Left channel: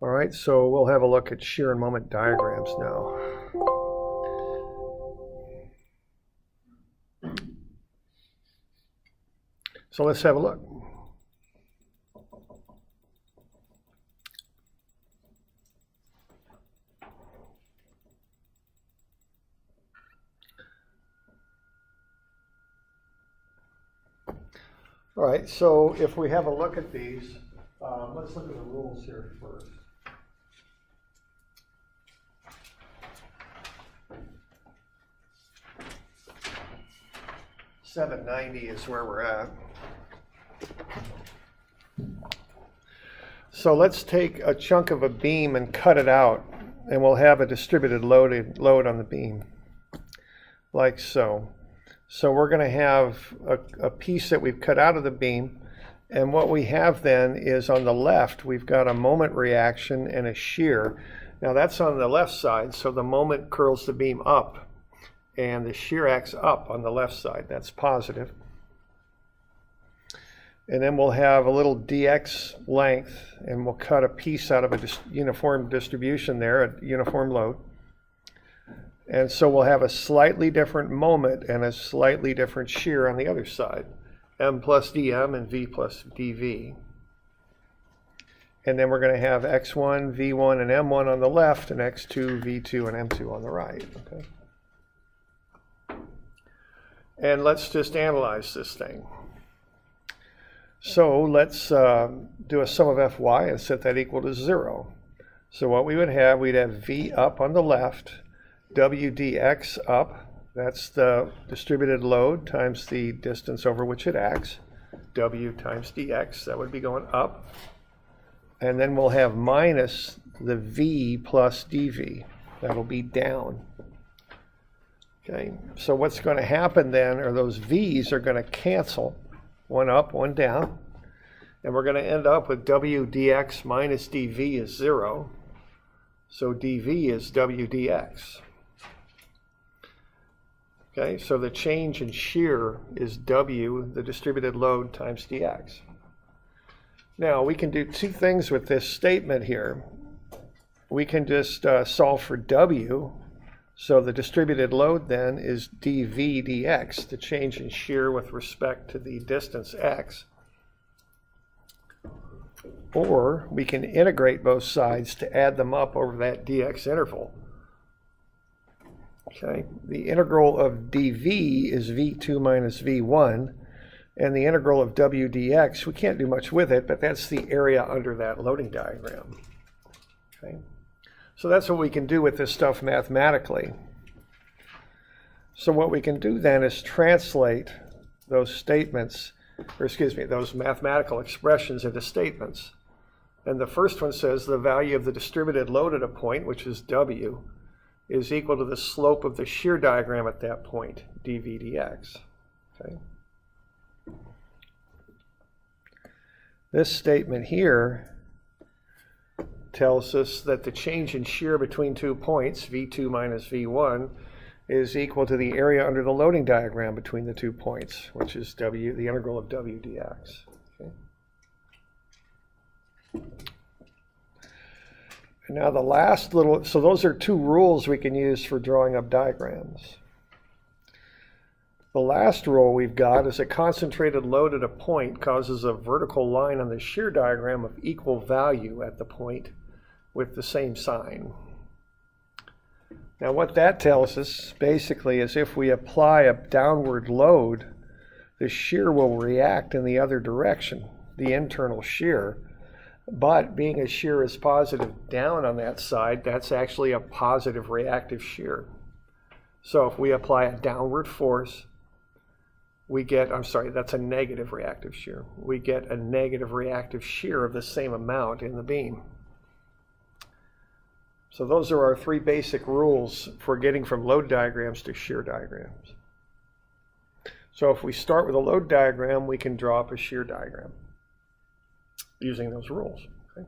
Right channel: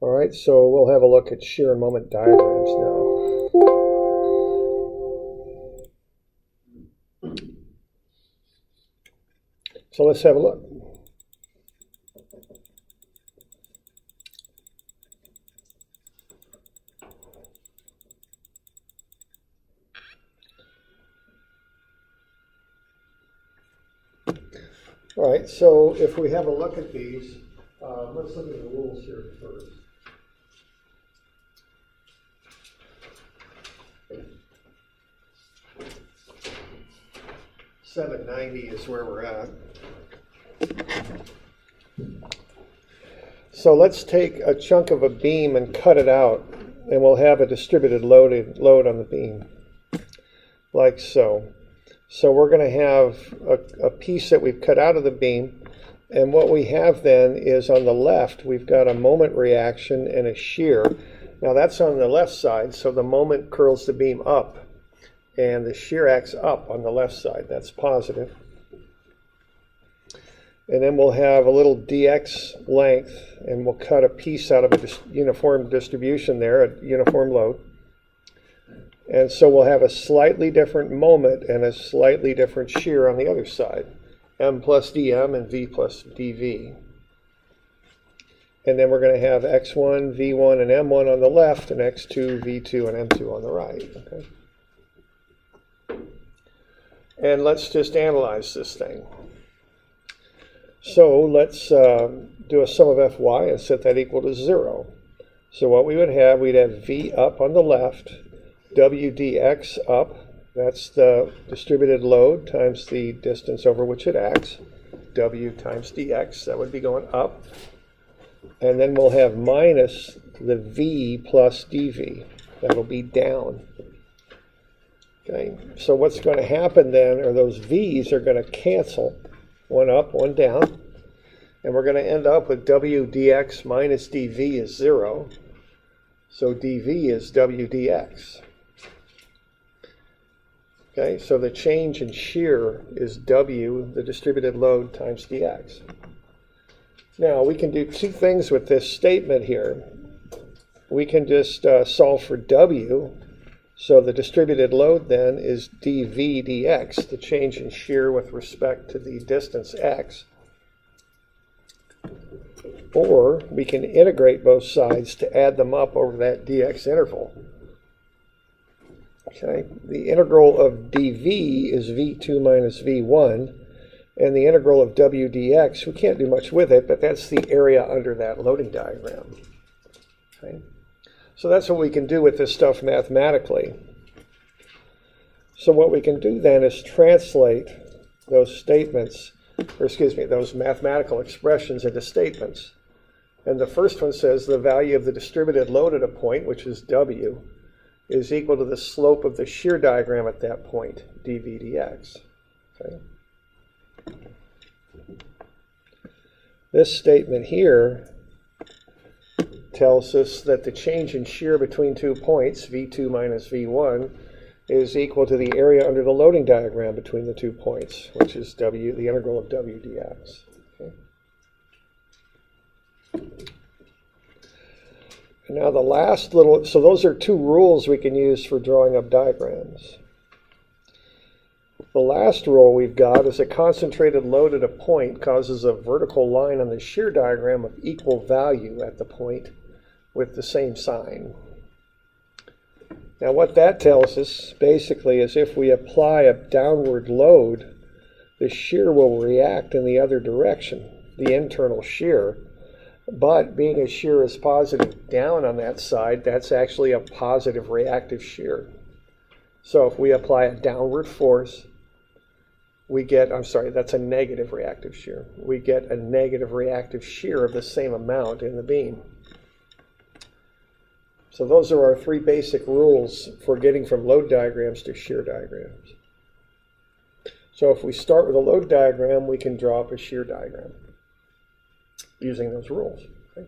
All right, so we'll have a look at shear and moment diagrams now. So let's have a look. All right, so if we have a look at these, let's look at the rules here first. $790 is where we're at. So let's take a chunk of a beam and cut it out, and we'll have a distributed load on the beam, like so. So we're going to have a piece that we've cut out of the beam, and what we have then is on the left, we've got a moment reaction and a shear. Now that's on the left side, so the moment curls the beam up, and the shear acts up on the left side. That's positive. And then we'll have a little dx length, and we'll cut a piece out of a uniform distribution there, a uniform load. And so we'll have a slightly different moment and a slightly different shear on the other side, m plus dm and v plus dv. And then we're going to have x1, v1, and m1 on the left, and x2, v2, and m2 on the right. Okay. And let's just analyze this thing. So let's do a sum of Fy and set that equal to 0. So what we would have, we'd have V up on the left, W dx up, that's the distributed load times the distance over which it acts, W times dx, that would be going up. And then we'll have minus the V plus dV, that'll be down. Okay, so what's going to happen then are those V's are going to cancel, one up, one down, and we're going to end up with W dx minus dV is 0, so dV is W dx. Okay, so the change in shear is W, the distributed load, times dx. Now we can do two things with this statement here. We can just solve for W. So the distributed load then is dV dx, the change in shear with respect to the distance x. Or we can integrate both sides to add them up over that dx interval. Okay, the integral of dV is v2 minus v1, and the integral of w dx, we can't do much with it, but that's the area under that loading diagram. Okay. So that's what we can do with this stuff mathematically. So what we can do then is translate those statements, or excuse me, those mathematical expressions into statements. And the first one says the value of the distributed load at a point, which is W, is equal to the slope of the shear diagram at that point, dV dx. Okay. This statement here tells us that the change in shear between 2 points, V2 minus V1, is equal to the area under the loading diagram between the 2 points, which is W, the integral of W dx. Okay. And now the last little, so those are two rules we can use for drawing up diagrams. The last rule we've got is a concentrated load at a point causes a vertical line on the shear diagram of equal value at the point with the same sign. Now what that tells us basically is if we apply a downward load, the shear will react in the other direction, the internal shear. But being a shear is positive down on that side, that's actually a positive reactive shear. So if we apply a downward force, we get, I'm sorry, that's a negative reactive shear. We get a negative reactive shear of the same amount in the beam. So those are our three basic rules for getting from load diagrams to shear diagrams. So if we start with a load diagram, we can draw up a shear diagram using those rules. Okay.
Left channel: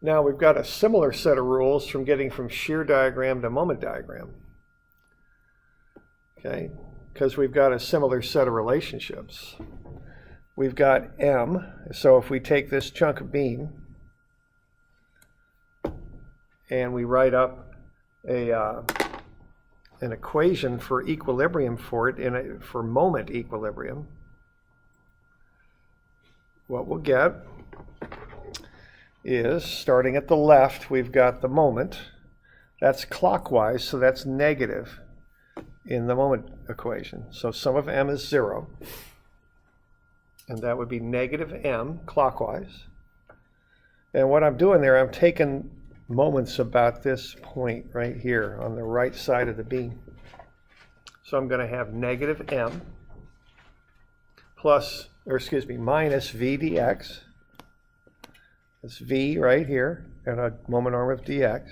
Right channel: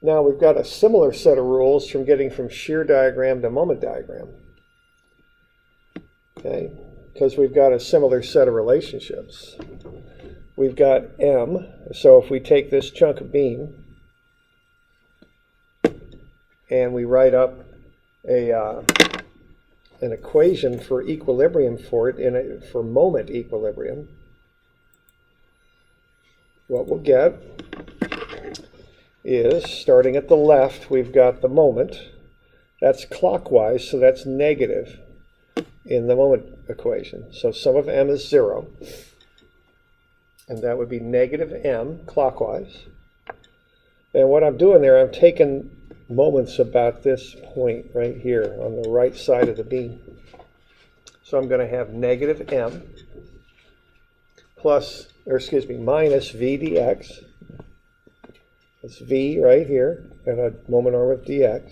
Now we've got a similar set of rules from getting from shear diagram to moment diagram. Okay, because we've got a similar set of relationships. we've got M. So if we take this chunk of beam and we write up an equation for equilibrium for it, for moment equilibrium, what we'll get is, starting at the left, we've got the moment. That's clockwise, so that's negative in the moment equation. So sum of M is 0. And that would be negative M clockwise. And what I'm doing there, I'm taking moments about this point right here on the right side of the beam. So I'm going to have negative M minus V dx. It's V right here, got a moment arm of dx,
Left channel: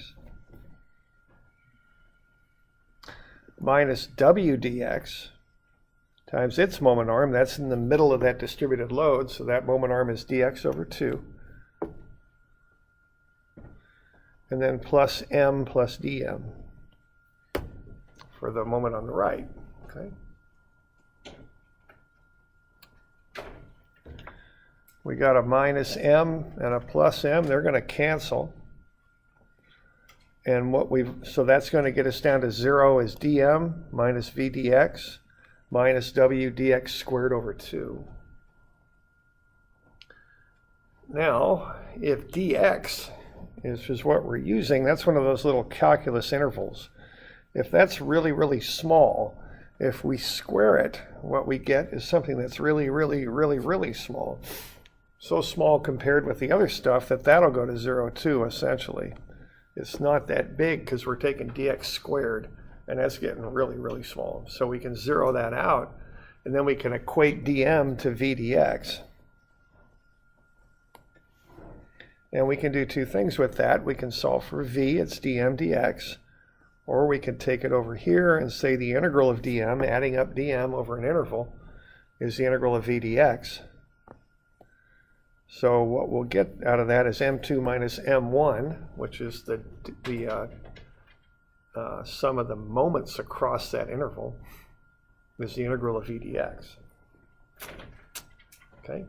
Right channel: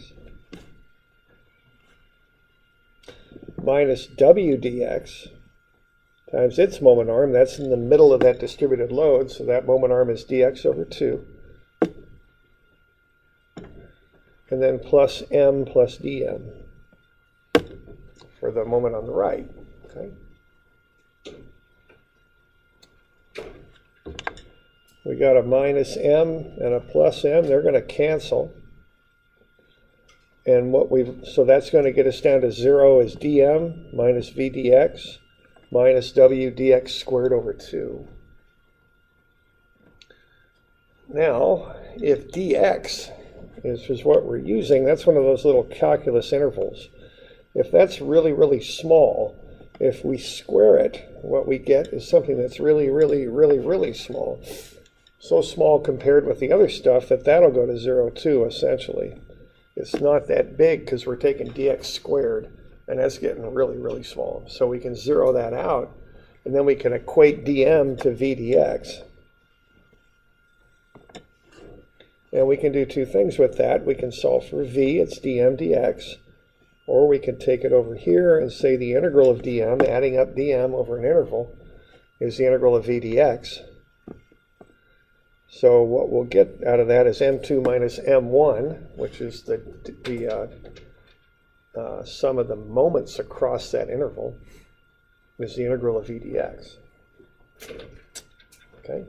minus W dx times its moment arm. That's in the middle of that distributed load, so that moment arm is dx over 2. And then plus M plus dm for the moment on the right. Okay. We got a minus M and a plus M. They're going to cancel. And so that's going to get us down to 0 is dm minus V dx minus W dx squared over 2. Now, if dx is what we're using, that's one of those little calculus intervals. If that's really, really small, if we square it, what we get is something that's really, really, really, really small. So small compared with the other stuff that that'll go to 0 too, essentially. It's not that big because we're taking dx squared, and that's getting really, really small. So we can zero that out, and then we can equate dm to V dx. And we can do two things with that. We can solve for V, it's dm dx, or we can take it over here and say the integral of dm, adding up dm over an interval, is the integral of V dx. So what we'll get out of that is m2 minus m1, which is the sum of the moments across that interval, is the integral of V dx. Okay.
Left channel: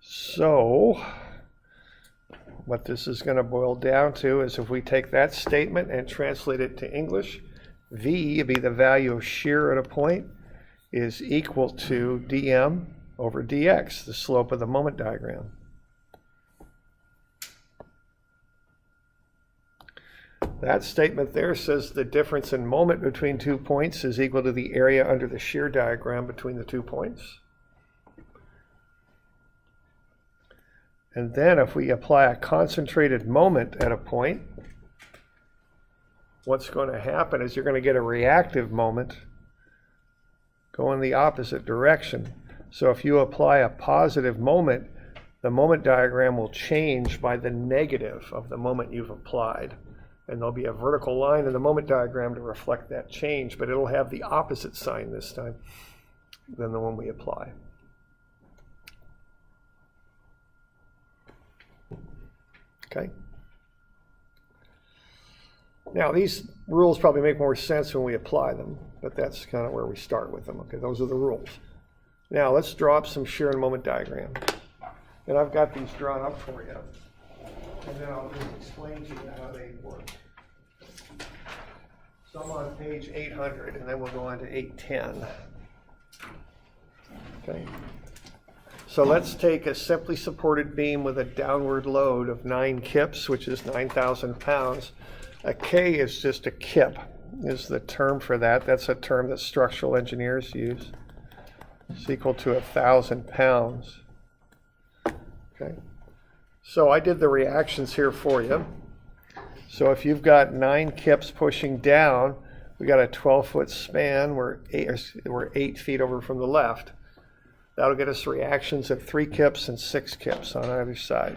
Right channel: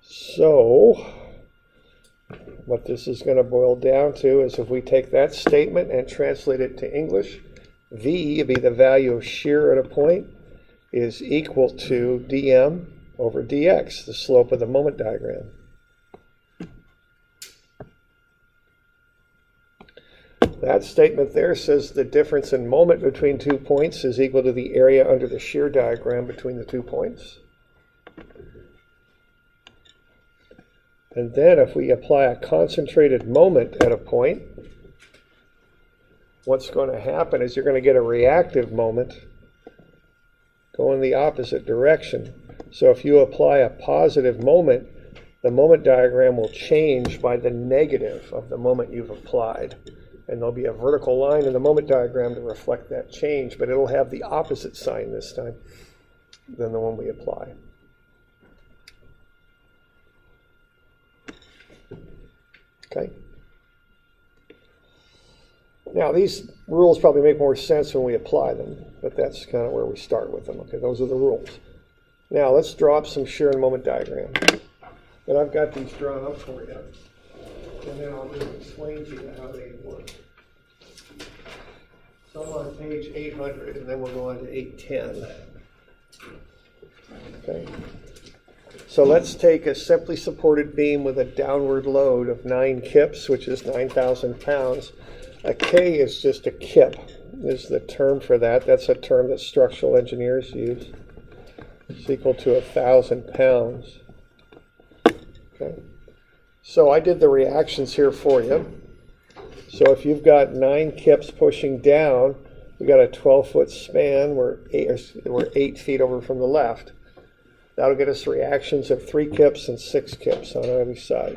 So what this is going to boil down to is, if we take that statement and translate it to English, V, be the value of shear at a point, is equal to dm over dx, the slope of the moment diagram. That statement there says the difference in moment between 2 points is equal to the area under the shear diagram between the 2 points. And then if we apply a concentrated moment at a point, what's going to happen is you're going to get a reactive moment going the opposite direction. So if you apply a positive moment, the moment diagram will change by the negative of the moment you've applied. And there'll be a vertical line in the moment diagram to reflect that change, but it'll have the opposite sign this time than the one we apply. Okay. Now these rules probably make more sense when we apply them, but that's kind of where we start with them. Okay, those are the rules. Now let's draw up some shear and moment diagrams. And I've got these drawn up for you. And then I'll just explain to you how they work. So I'm on page 800, and then we'll go on to 810. Okay. So let's take a simply supported beam with a downward load of 9 kips, which is 9,000 pounds. A K is just a kip, is the term for that. That's a term that structural engineers use. It's equal to 1,000 pounds. Okay. So I did the reactions here for you. So if you've got 9 kips pushing down, we got a 12-foot span. We're 8 feet over from the left. That'll get us reactions of 3 kips and 6 kips on either side.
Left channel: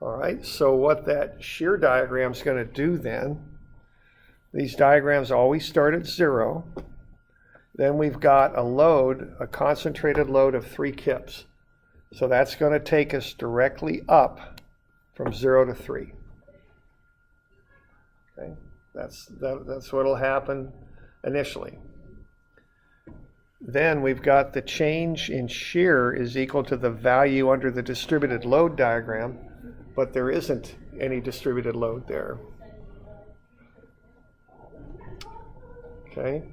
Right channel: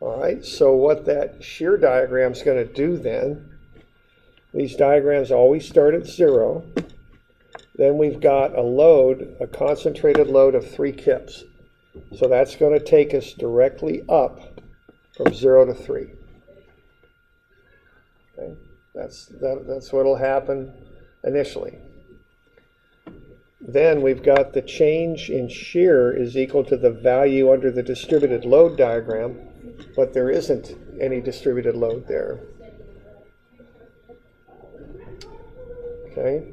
All right, so what that shear diagram is going to do then, these diagrams always start at 0. Then we've got a load, a concentrated load of 3 kips. So that's going to take us directly up from 0 to 3. Okay, that's what will happen initially. then we've got the change in shear is equal to the value under the distributed load diagram, but there isn't any distributed load there. Okay.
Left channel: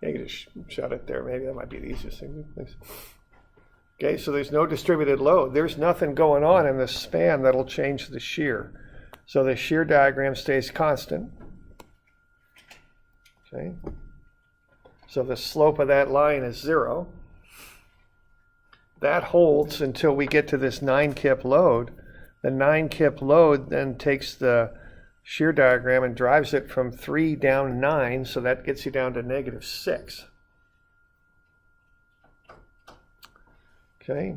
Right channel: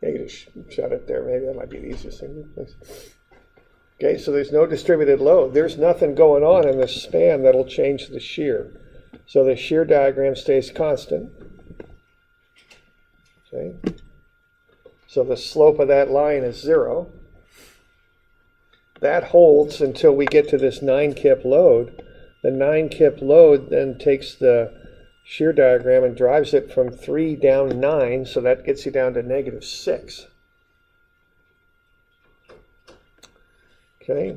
You can just shut it there. Maybe that might be the easiest thing. Okay, so there's no distributed load. There's nothing going on in the span that'll change the shear. So the shear diagram stays constant. Okay. So the slope of that line is 0. That holds until we get to this 9 kip load. The 9 kip load then takes the shear diagram and drives it from 3 down to 9, so that gets you down to -6. Okay.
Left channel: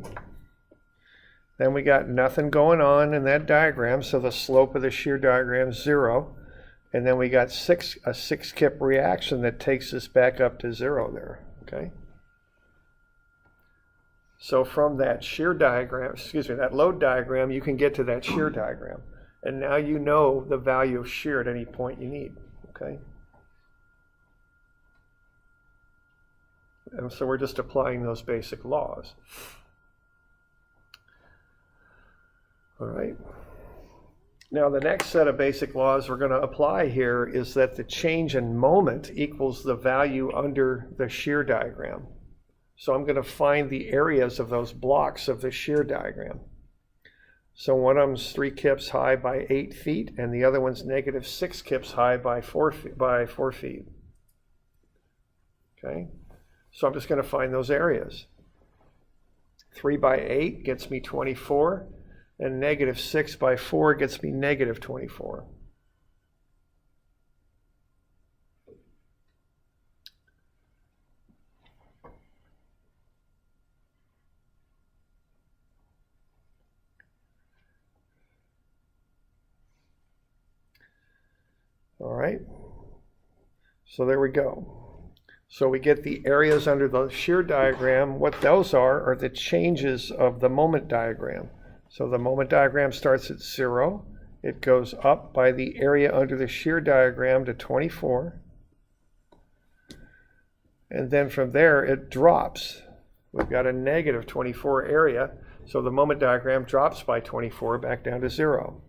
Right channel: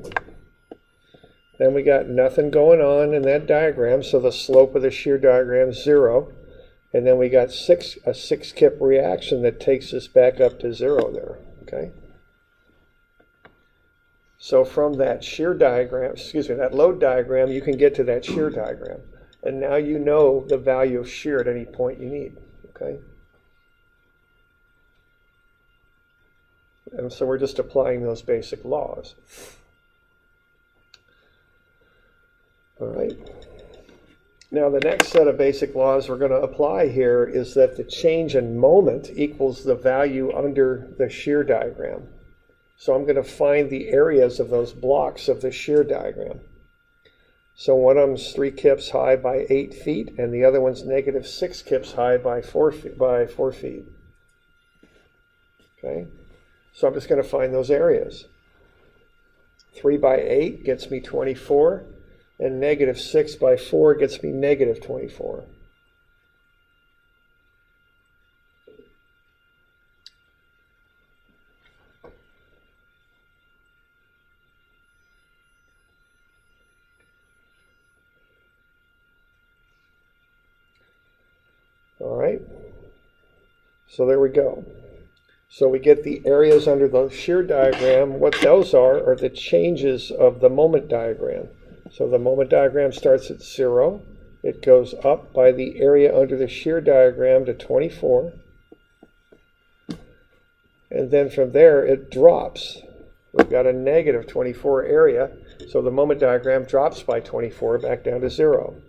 Then we got nothing going on in that diagram, so the slope of the shear diagram is 0. And then we got a 6 kip reaction that takes us back up to 0 there. Okay. So from that shear diagram, that load diagram, you can get to that shear diagram. And now you know the value of shear at any point you need. Okay. And so we're just applying those basic laws. All right. Now the next set of basic laws we're going to apply here is that the change in moment equals the value under the shear diagram. So I'm going to find the areas of those blocks of the shear diagram. So one of them's 3 kips high by 8 feet, and the other one's -6 kips high by 4 feet. Okay. So I'm just going to find those areas. 3 by 8 gets me 24. And -6 by 4 gets me -24. All right. So there we go. So we get the areas under the shear diagram. What those are the changes of the moment diagram. So the moment diagram starts at 0. It goes up by the area under the shear diagram to 24. And then from there it drops. We've got a -24 area. So the moment diagram drops by 24 back down to 0.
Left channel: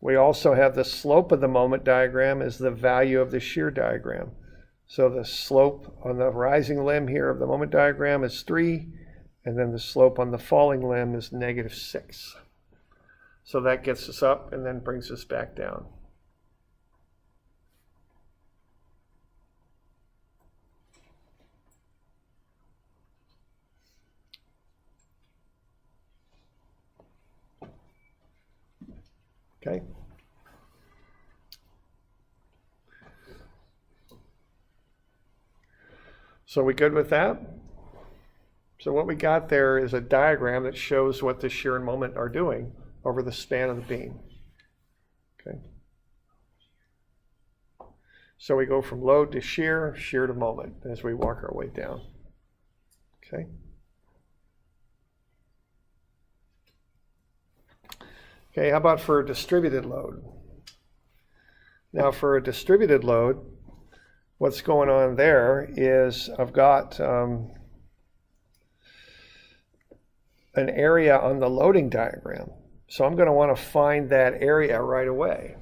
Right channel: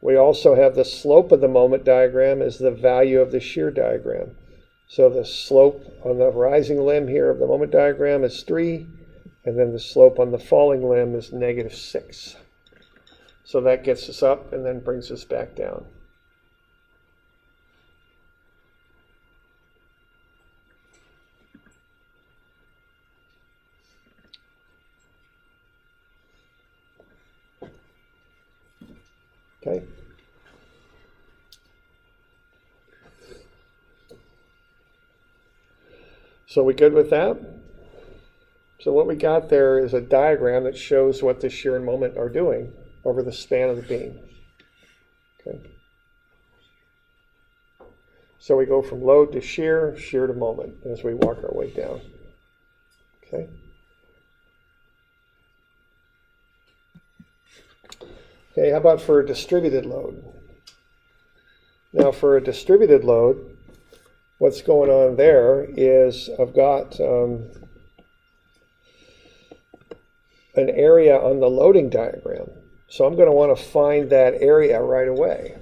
We also have the slope of the moment diagram is the value of the shear diagram. So the slope on the rising limb here of the moment diagram is 3. And then the slope on the falling limb is -6. So that gets us up and then brings us back down. Okay. So we good with that? So what we got there is a diagram that shows what the shear and moment are doing over the span of the beam. Okay. So we go from load to shear, shear to moment as we walk our way down. Okay. Okay, how about for a distributed load? Now for a distributed load, what's going on there is I've got an area on the loading diagram. So I'm going to want to find that area right away.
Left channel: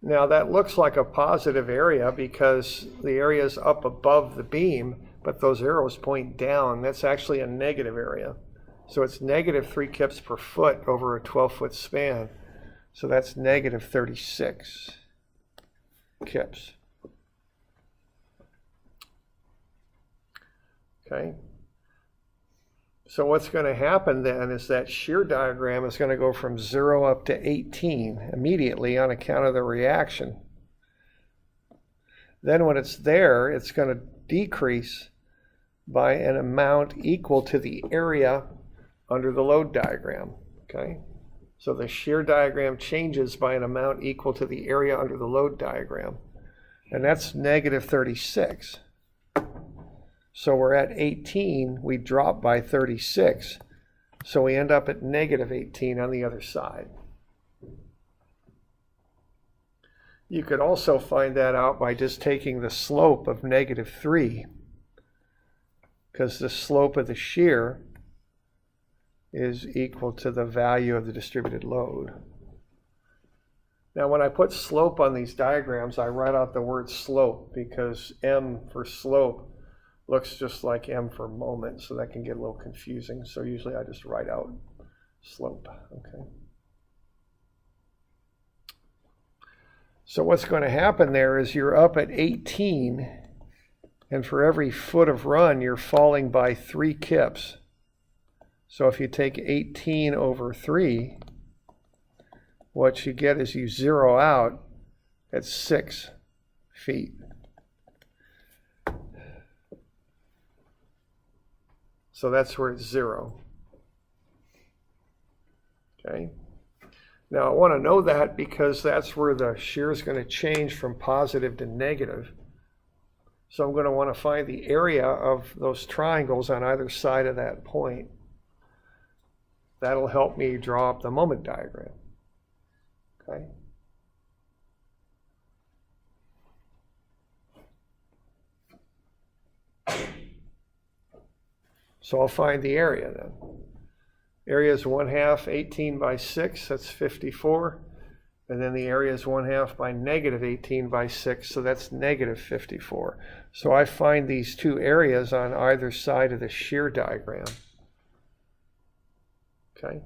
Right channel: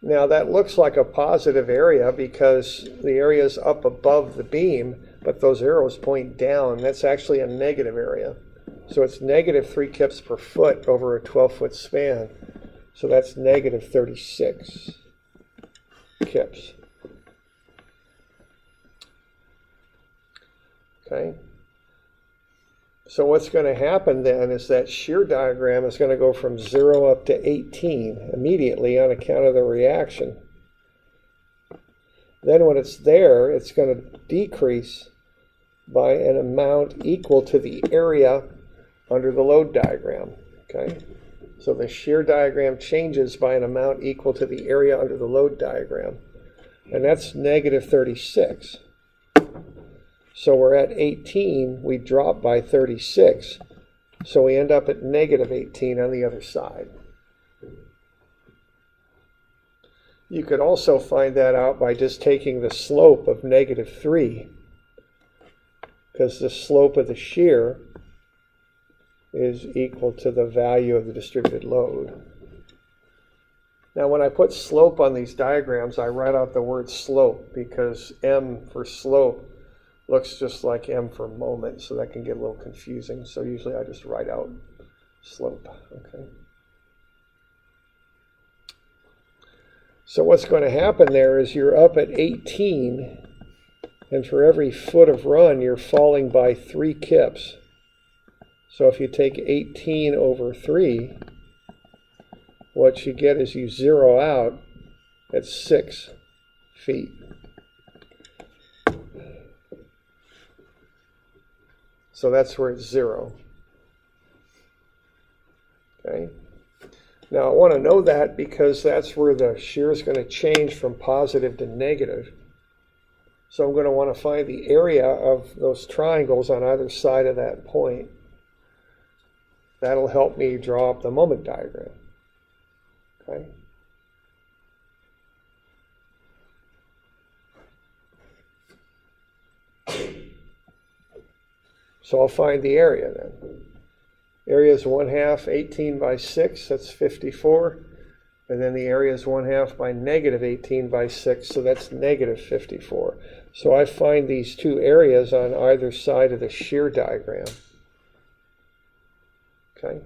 Now that looks like a positive area because the area is up above the beam, but those arrows point down. That's actually a negative area. So it's -3 kips per foot over a 12-foot span. So that's -36 kips. Okay. So what's going to happen then is that shear diagram is going to go from 0 up to 18 immediately on account of the reaction. Then when it's there, it's going to decrease by an amount equal to the area under the load diagram. Okay? So the shear diagram changes by an amount equal to the area under the load diagram. And that's -36. So we're at 18, we drop by 36. So we end up at -18 on the other side. You could also find that out by just taking the slope of -3, because the slope of the shear is equal to the value of the distributed load. Now when I put slope on these diagrams, I write out the word slope because M for slope looks just like M for moment, so that can get a little confusing. So usually I just write out slope. Okay. So what's going to happen there is you're up at 18, and for every foot of run, you're falling by 3 kips. So if you take 18 over 3, what you get is you zero out at 6 feet. So that's where it's 0. Okay. Now I want to know that because that's where the shear is going to change from positive to negative. So I'm going to want to find the area of those triangles on either side of that point. That'll help me draw up the moment diagram. Okay. So I'll find the area then. Area is 1/2, 18 by 6, that's 54. And then the area is 1/2 by -18 by 6, so that's -54. So I find these two areas on either side of the shear diagram. Okay.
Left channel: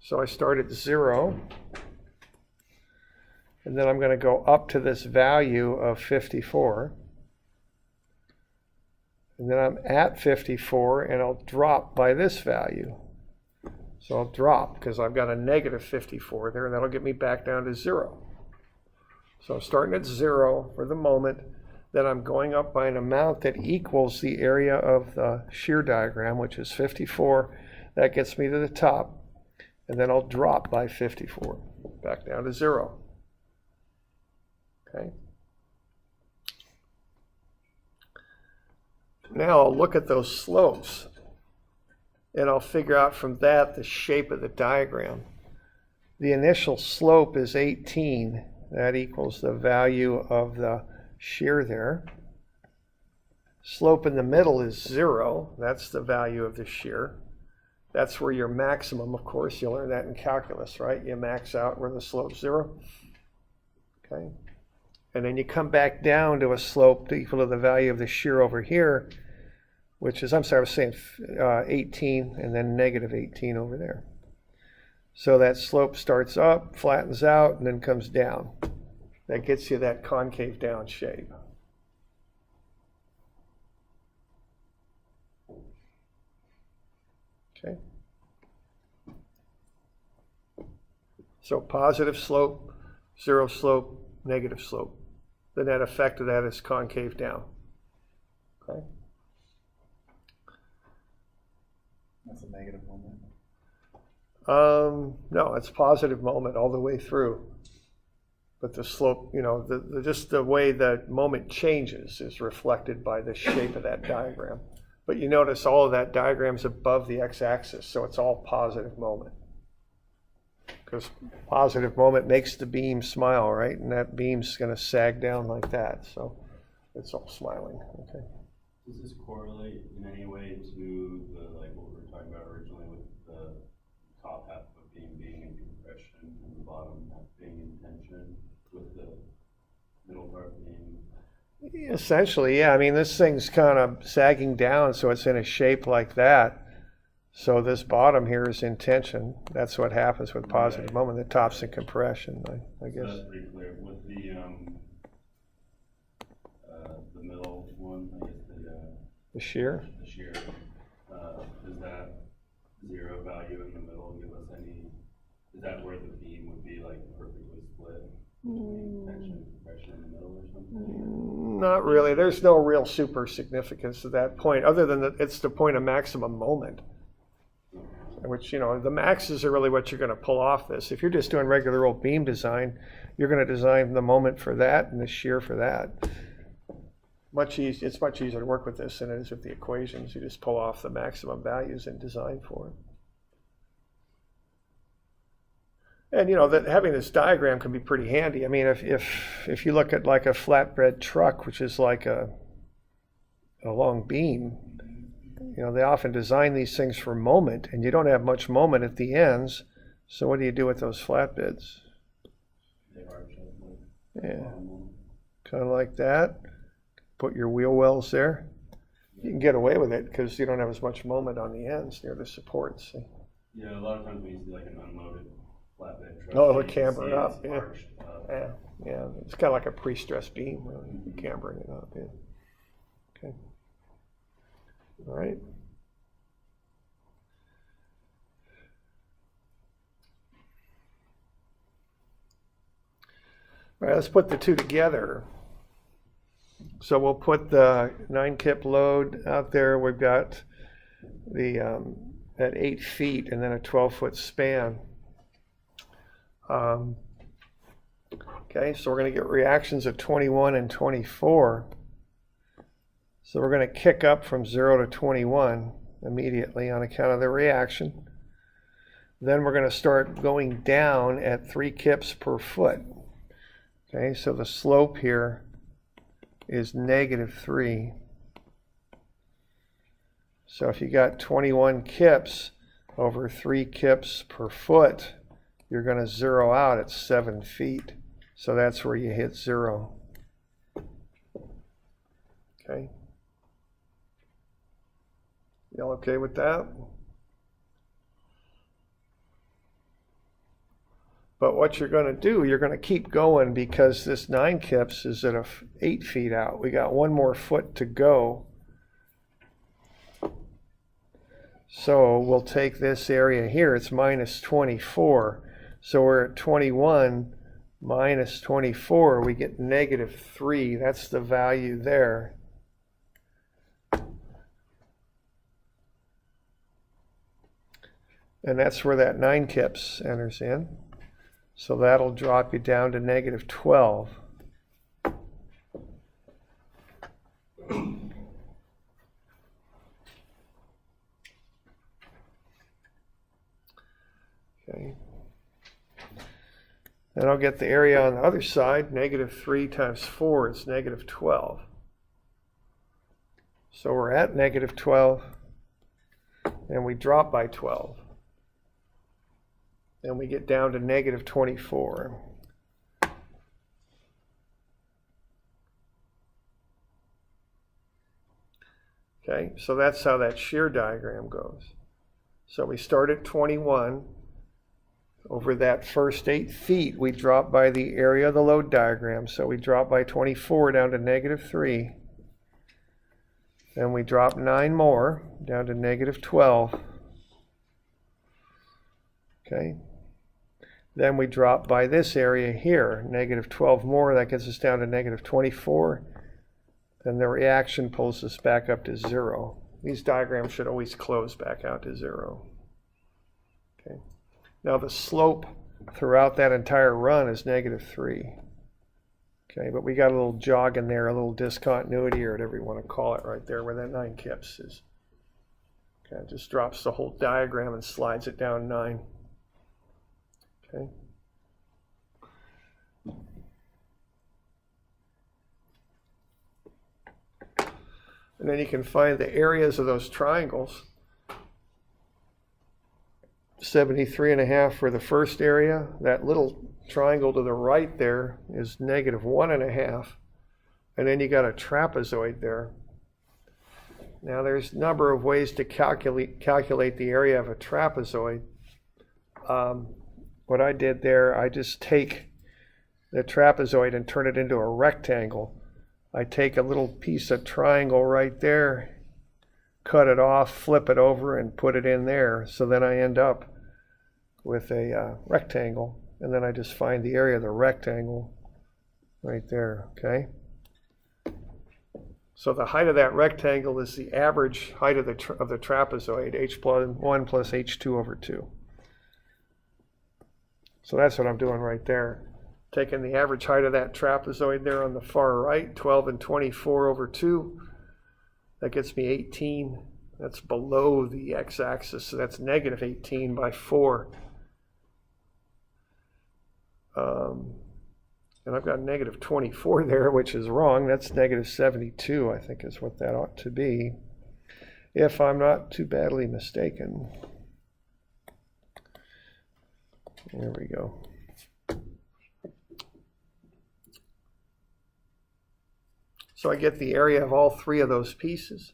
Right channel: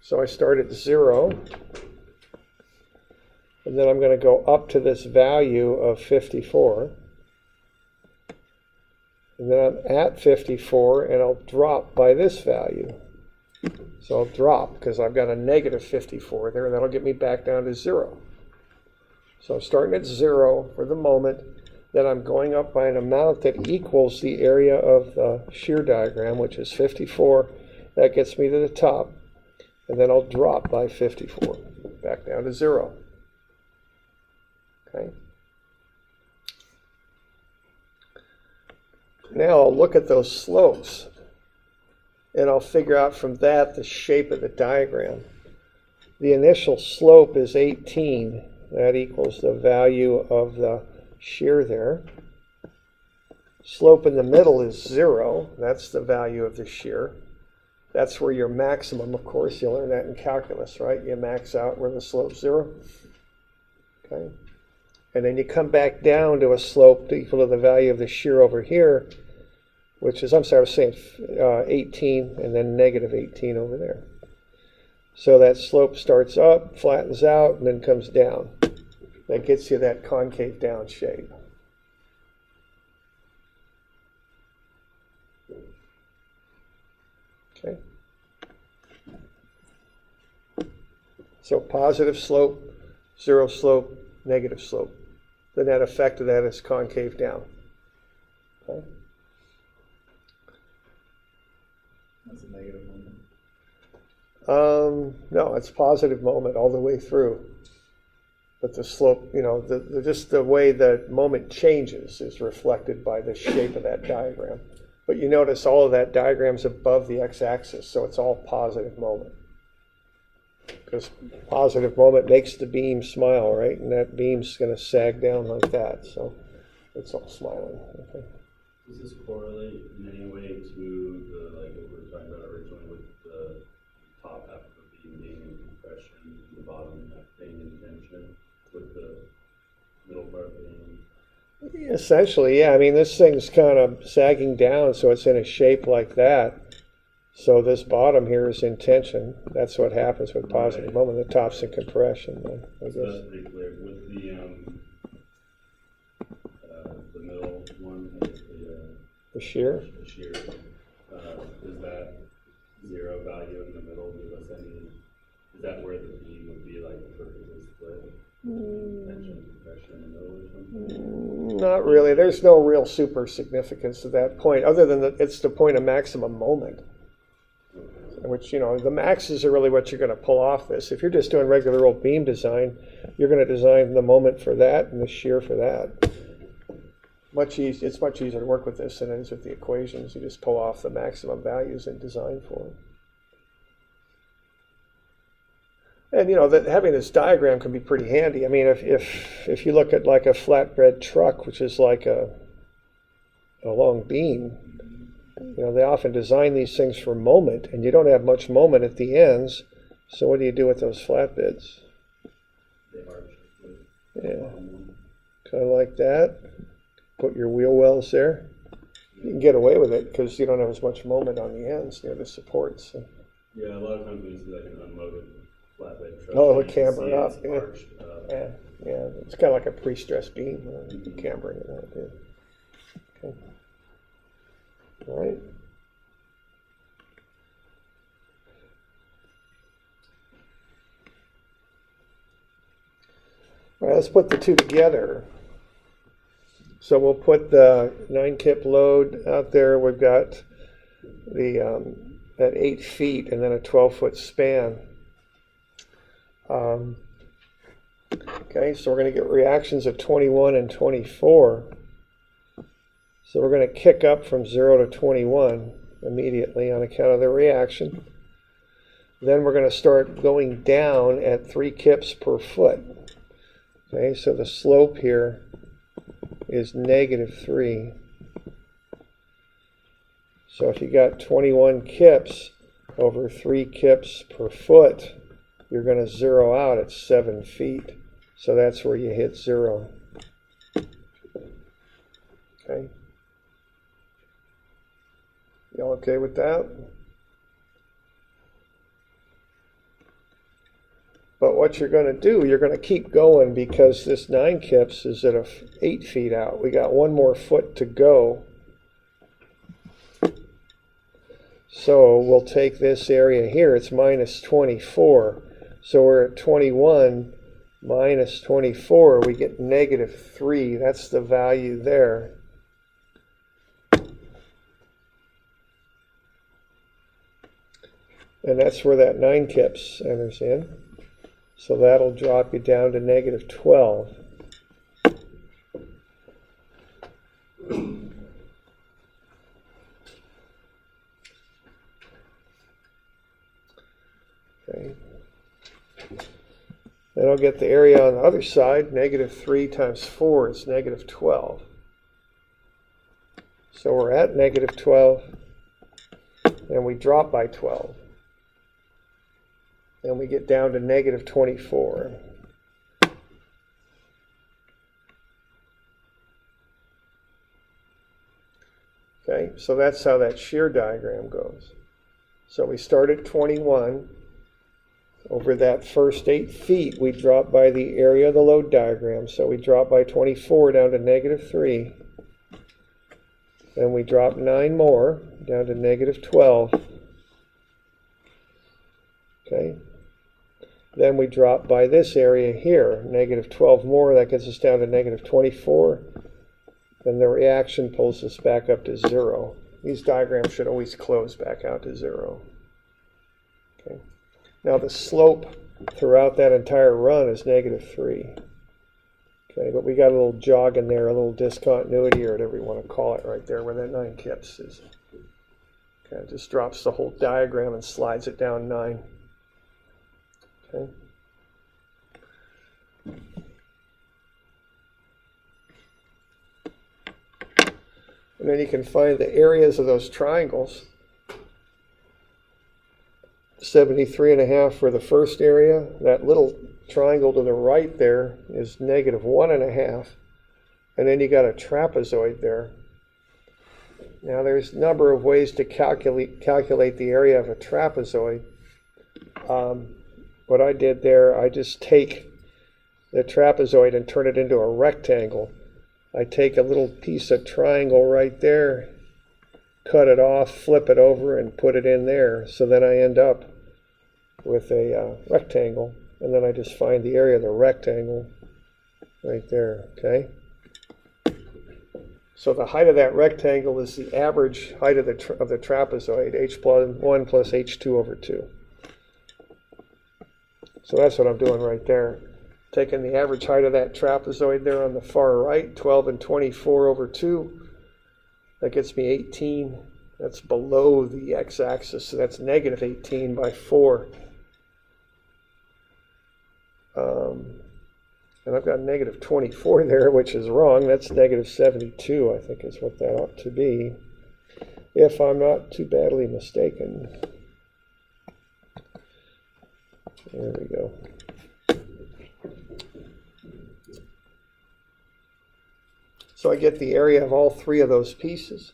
So I start at 0, and then I'm going to go up to this value of 54. And then I'm at 54, and I'll drop by this value. So I'll drop, because I've got a -54 there, and that'll get me back down to 0. So I'm starting at 0 for the moment, then I'm going up by an amount that equals the area of the shear diagram, which is 54. That gets me to the top, and then I'll drop by 54, back down to 0. Okay. Now I'll look at those slopes, and I'll figure out from that the shape of the diagram. The initial slope is 18. That equals the value of the shear there. Slope in the middle is 0. That's the value of the shear. That's where your maximum, of course, you learn that in calculus, right? You max out where the slope's 0. Okay. And then you come back down to a slope equal to the value of the shear over here, which is, I'm sorry, I was saying 18 and then -18 over there. So that slope starts up, flattens out, and then comes down. That gets you that concave down shape. Okay. So positive slope, 0 slope, negative slope. The net effect of that is concave down. Okay. That's a negative moment. No, it's positive moment all the way through. But the slope, you know, just the way the moment changes is reflected by the shape of that diagram. But you notice all of that diagram's above the x-axis, so it's all positive moment. Because positive moment makes the beam smile, right? And that beam's going to sag down like that, so it's all smiling. Okay. Does this correlate in any way to the, like what we were talking about originally with the top half of the beam being in compression and the bottom half being in tension, with the middle part being? Essentially, yeah. I mean, this thing's kind of sagging down, so it's in a shape like that. So this bottom here is in tension. That's what happens with positive moment. The top's in compression, I guess. So that's pretty clear. With the middle one, I guess the shear? The shear. Does that 0 value in the middle give us any, is that where the beam would be like perfectly split? Tension and compression in the middle or something? Not really. There's no real super significance to that point, other than that it's the point of maximum moment. Which, you know, the maxes are really what you're going to pull off this. If you're just doing regular old beam design, you're going to design the moment for that and the shear for that. It's much easier to work with this than it is with the equations. You just pull off the maximum values and design for it. And you know that having this diagram can be pretty handy. I mean, if you look at like a flatbed truck, which is like a long beam, you know, they often design these things for moment, and you don't have much moment at the ends. So what do you do with those flatbeds? They are checked with Yeah. the bottom one. Kind of like that. Put your wheel wells there. You can get away with it because you don't have as much moment on the ends near the supports. Yeah, a lot of times when you see like an unloaded flatbed truck. Oh, it'll you can camber see it it's up, yeah. arched up. Yeah, yeah. It's kind of like a pre-stressed beam, cambering it up. Yeah. Okay. All right. All right, let's put the two together. So we'll put the 9-kip load out there. We've got the at 8 feet and then a 12-foot span. Okay, so we're going to get reactions of 21 and 24. So we're going to kick up from 0 to 21 immediately on account of the reaction. Then we're going to start going down at 3 kips per foot. Okay, so the slope here is -3. So if you got 21 kips over 3 kips per foot, you're going to zero out at 7 feet. So that's where you hit 0. Okay. Y'all okay with that? But what you're going to do, you're going to keep going because this 9 kips is at 8 feet out. We got 1 more foot to go. So we'll take this area here. It's -24. So we're at 21 minus 24. We get -3. That's the value there. And that's where that 9 kips enters in. So that'll drop you down to -12. Okay. Then I'll get the area on the other side. -3 times 4 is -12. So we're at -12, and we drop by 12. Then we get down to -24. Okay, so that's how that shear diagram goes. So we start at 21. Over that first 8 feet, we drop by the area of the load diagram. So we drop by 24 down to -3. Then we drop 9 more down to -12. Okay. Then we drop by this area here, -12 more. That gets us down to -24. Then the reaction pulls us back up to 0. These diagrams should always close back out to 0. Okay. Now the slope throughout that entire run is -3. Okay, but we got a little jog in there, a little discontinuity, or whatever you want to call it, right there where that 9 kips is. Okay, it just drops the whole diagram and slides it down 9. Okay. And then you can find the areas of those triangles. 73.5 for the first area. That little triangle to the right there is -1.5. And then you got a trapezoid there. Now there's a number of ways to calculate the area of a trapezoid. What I did there, I just take the trapezoid and turn it into a rectangle. I take a little piece of triangle right there, cut it off, flip it over, and put it in there. So then I end up with a rectangle, and then I just find the area of the rectangle right there, okay? So the height of that rectangle is the average height of the trapezoid, h1 plus h2 over 2. So that's what I'm doing right there. Taking the average height of that trapezoid there on the far right, 12 and 24 over 2. That gets me 18. That's below the x-axis, so that's -18 by 4. And I've got negative 24 there, which is wrong. That's negative 72, I think is what that ought to be, if I'm not too badly mistaken. There we go. So I get the area of all three of those pieces.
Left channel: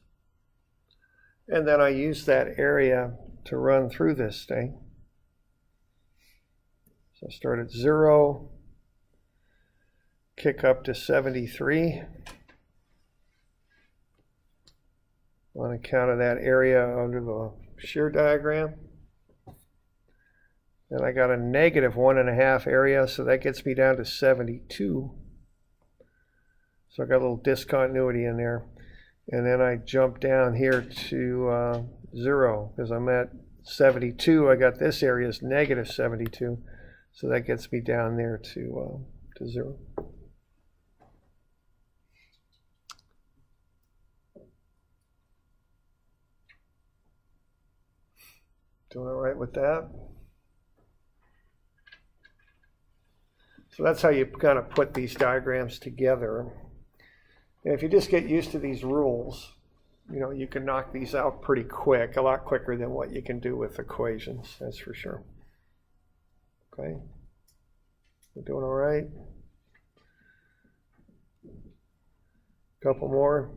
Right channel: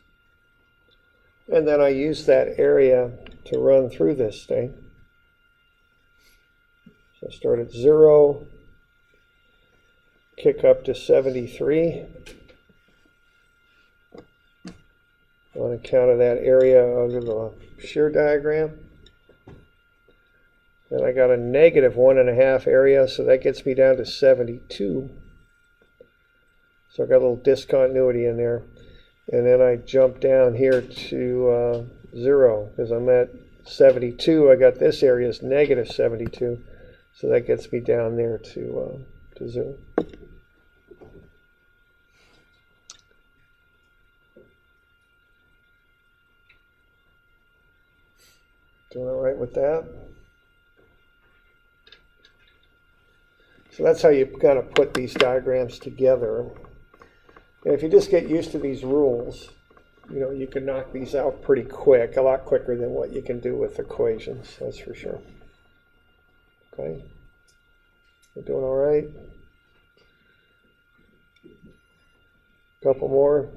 And then I use that area to run through this thing. So start at 0, kick up to 73 on account of that area under the shear diagram. Then I got a negative 1.5 area, so that gets me down to 72. So I got a little discontinuity in there. And then I jump down here to 0 because I'm at 72. I got this area is negative 72. So that gets me down there to 0. Doing all right with that? So that's how you kind of put these diagrams together. And if you just get used to these rules, you know, you can knock these out pretty quick, a lot quicker than what you can do with equations, that's for sure. Okay, we're doing all right. Couple more,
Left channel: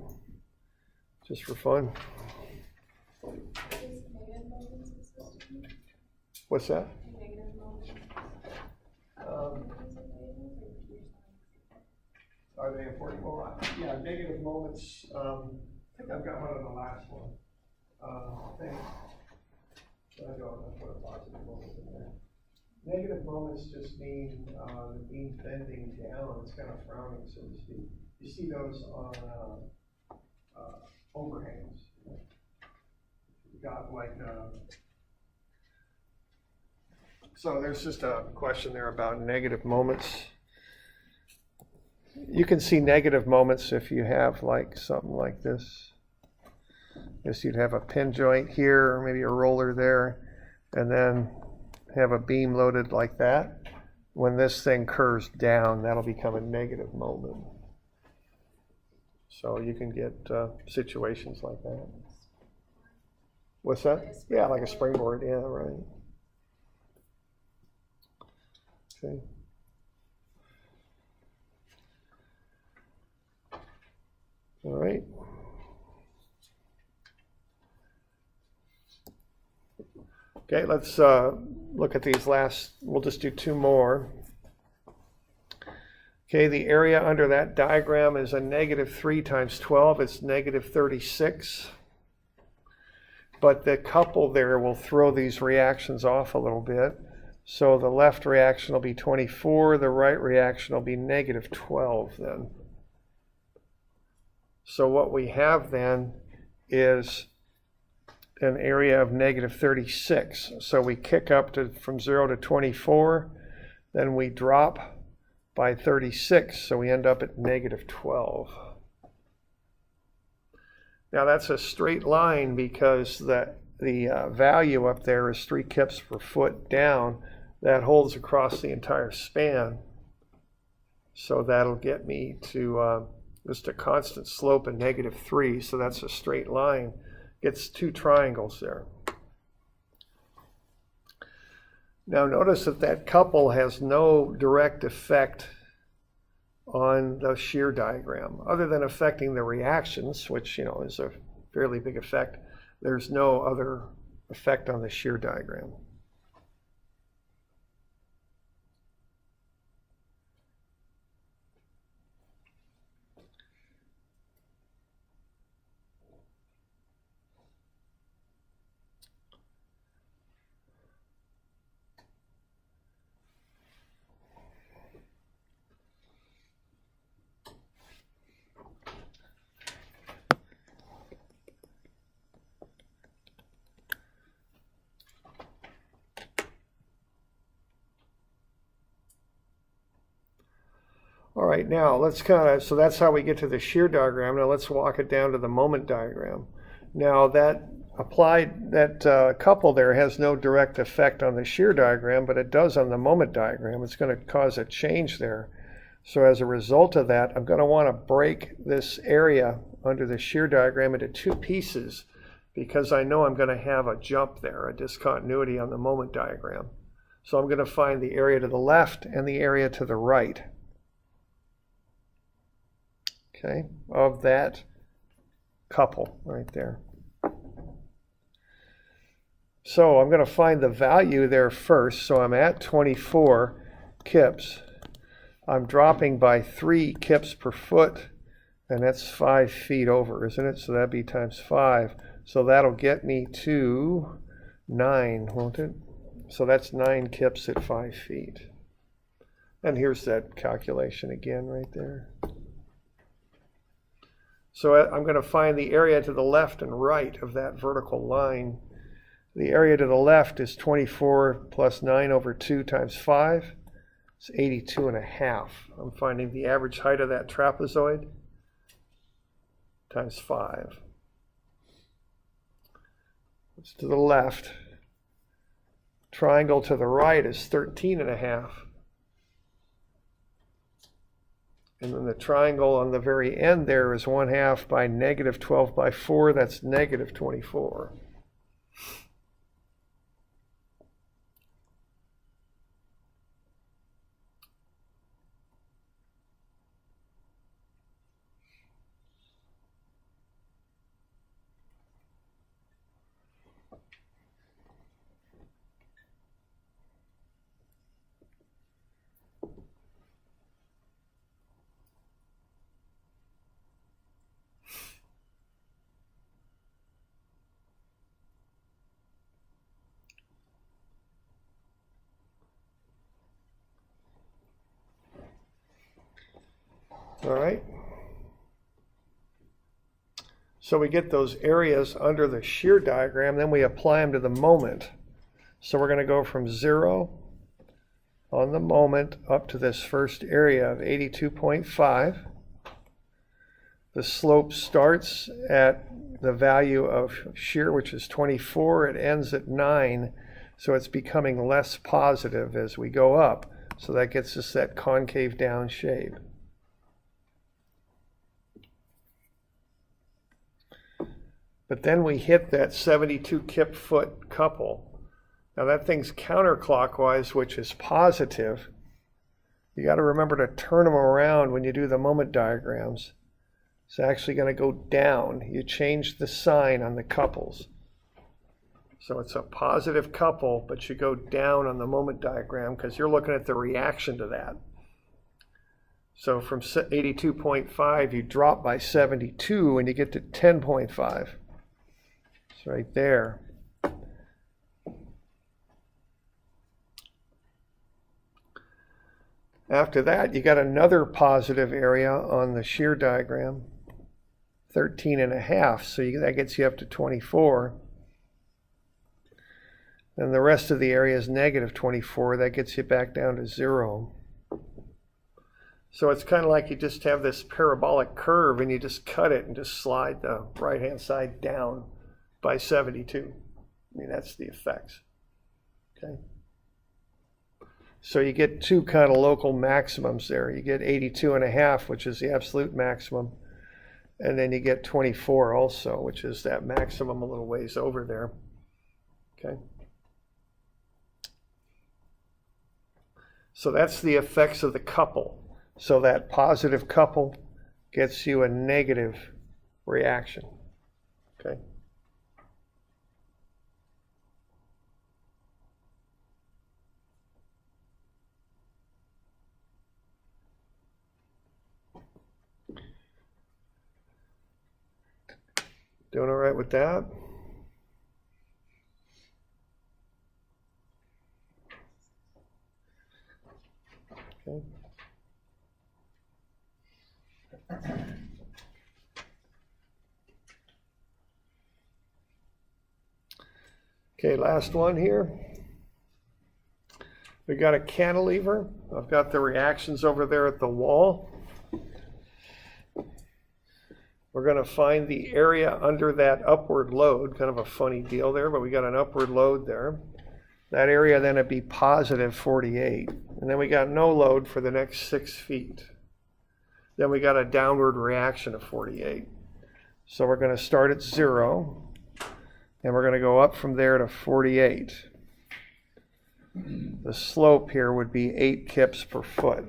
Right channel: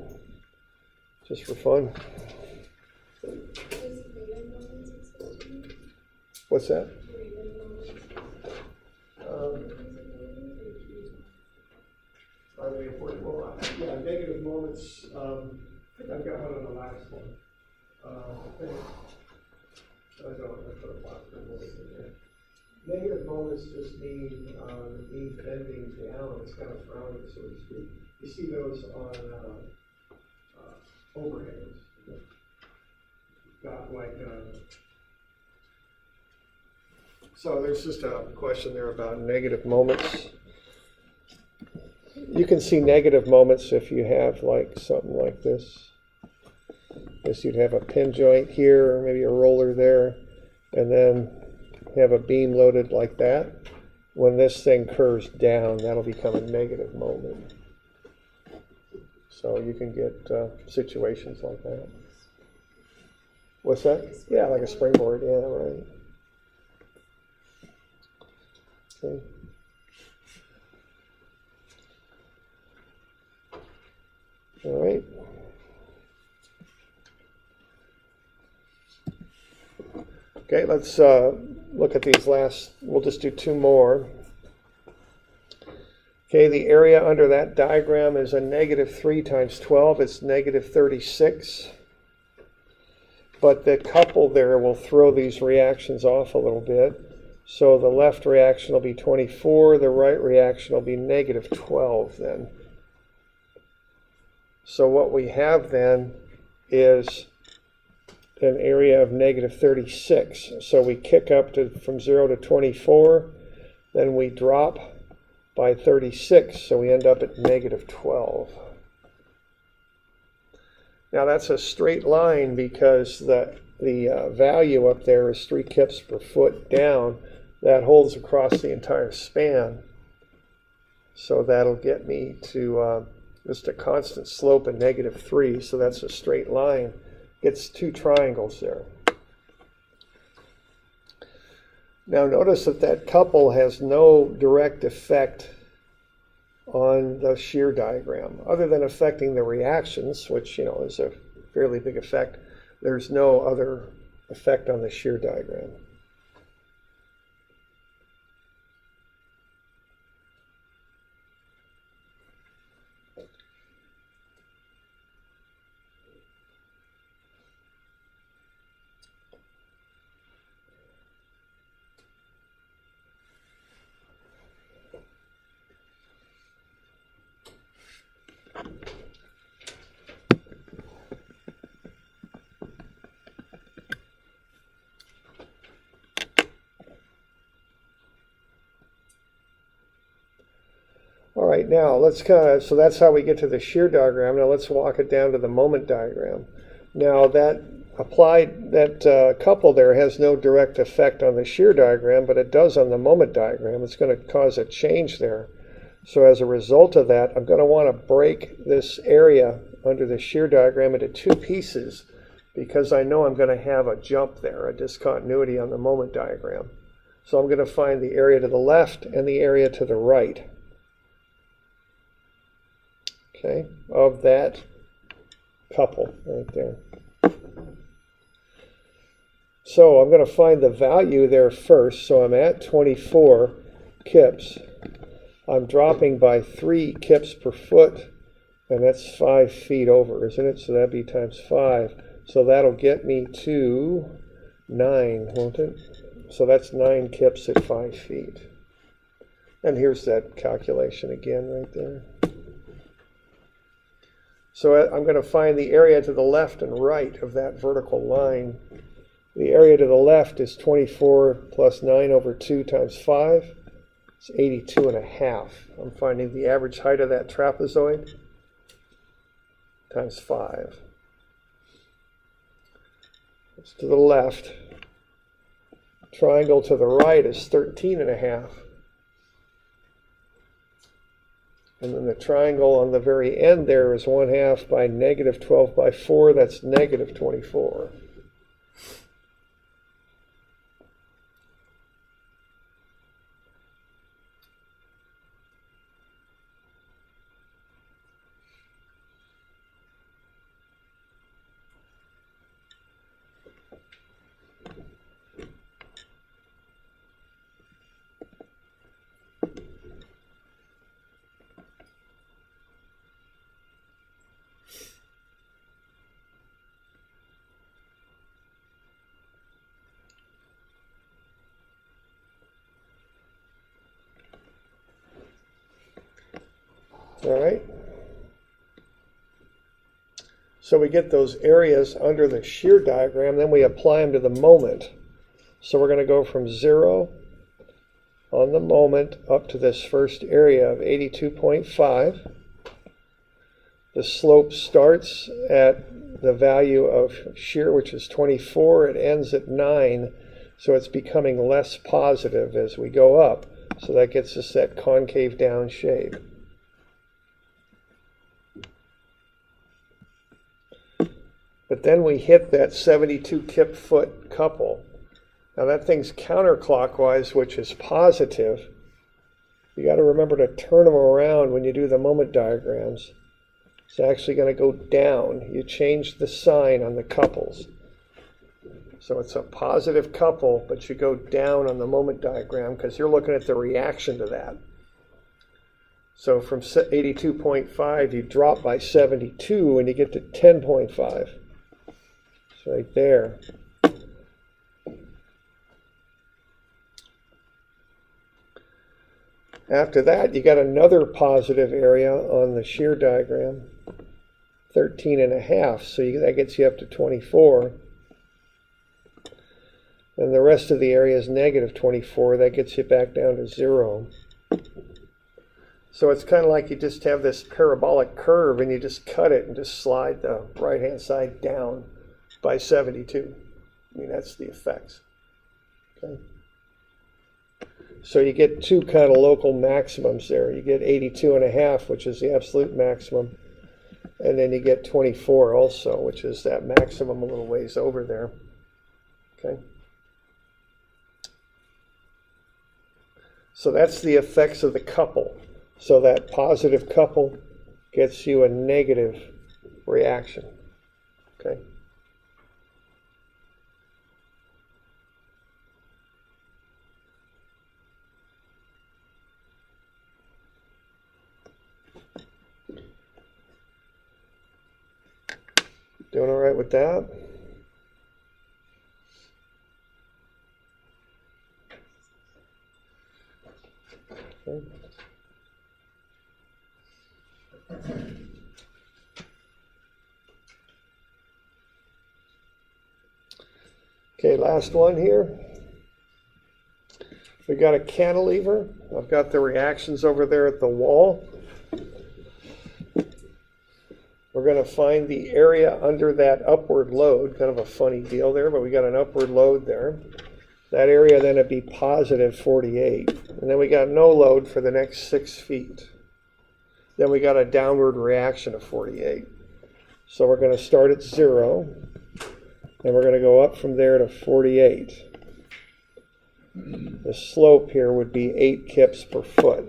just for fun. What's that? Are they important? Well, yeah, negative moments. I think I've got one on the last one. I think. I don't have to put a positive moment in there. Negative moments just mean the beam bending down. It's kind of frowning, so to speak. You see those on overhangs. You've got like. So there's just a question there about negative moments. You can see negative moments if you have like something like this. Guess you'd have a pin joint here, or maybe a roller there, and then have a beam loaded like that. When this thing curves down, that'll become a negative moment. So you can get situations like that. What's that? Yeah, like a springboard. Yeah, right. Okay. All right. Okay, let's look at these last, we'll just do two more. Okay, the area under that diagram is a negative 3 times 12, it's negative 36. But the couple there will throw these reactions off a little bit. So the left reaction will be 24, the right reaction will be negative 12 then. So what we have then is an area of negative 36. So we kick up to from 0 to 24, then we drop by 36, so we end up at negative 12. Now that's a straight line because the value up there is 3 kips per foot down. That holds across the entire span. So that'll get me to just a constant slope of negative 3, so that's a straight line. Gets 2 triangles there. Now notice that that couple has no direct effect on the shear diagram, other than affecting the reactions, which, you know, is a fairly big effect. There's no other effect on the shear diagram. All right, now let's so that's how we get to the shear diagram. Now let's walk it down to the moment diagram. Now that couple there has no direct effect on the shear diagram, but it does on the moment diagram. It's going to cause a change there. So as a result of that, I'm going to want to break this area under the shear diagram into two pieces, because I know I'm going to have a jump there, a discontinuity on the moment diagram. So I'm going to find the area to the left and the area to the right, okay, of that couple right there. So I'm going to find the value there first. So I'm at 24 kips. I'm dropping by 3 kips per foot, and that's 5 feet over, isn't it? So that'd be times 5. So that'll get me to 9, won't it? So that's 9 kips at 5 feet. And here's that calculation again right there. So I'm going to find the area to the left and right of that vertical line. The area to the left is 24 plus 9 over 2 times 5. It's 82.5. I'm finding the average height of that trapezoid times 5. It's to the left. Triangle to the right is 13.5. And then the triangle on the very end there is 1/2 by negative 12 by 4. That's negative 24. All right. So we get those areas under the shear diagram, then we apply them to the moment. So we're going to go from 0 on the moment up to this first area of 82.5. The slope starts at the value of shear, which is 24. It ends at 9. So it's becoming less positive as we go up. So that gets us that concave down shape. But then we hit that 72 kip foot couple. Now that thing's counterclockwise, which is positive. You got to remember to turn them around when you do the moment diagrams. It's actually going to go down. You change the sign on the couples. So it's a positive couple, but you go down on the moment diagram because you're looking at the reaction to that. So from 82.5, you drop by 72 and you get to 10.5. Right there. After that, you got another positive area on the shear diagram, 13.5. So that gets you up to 24. And the rest of the area is negative 24. That gets you back down to 0. So it's kind of like you just have this parabolic curve and you just cut it and just slide the right-hand side down by 72. I mean, that's the effects. Okay. So you get two kind of local maximums there. You get 82.5, which is the absolute maximum. And then you get 24 also, which is that maximum a little ways over there. Okay. So that's the effects of the couple. So that positive couple gets you a negative reaction. Okay. Doing all right with that? Okay. Okay, last one here. We got a cantilever. I've got the reactions over there at the wall. we're going to find the area under that upward load, kind of a funny deal there, but we got an upward load there. That area then would be positive 48. And then we got no load for the next 6 feet. Then we got a downward reaction of 48. So we're going to start at 0, and we're going to go up from there to 48. The slope here would be 8 kips per foot.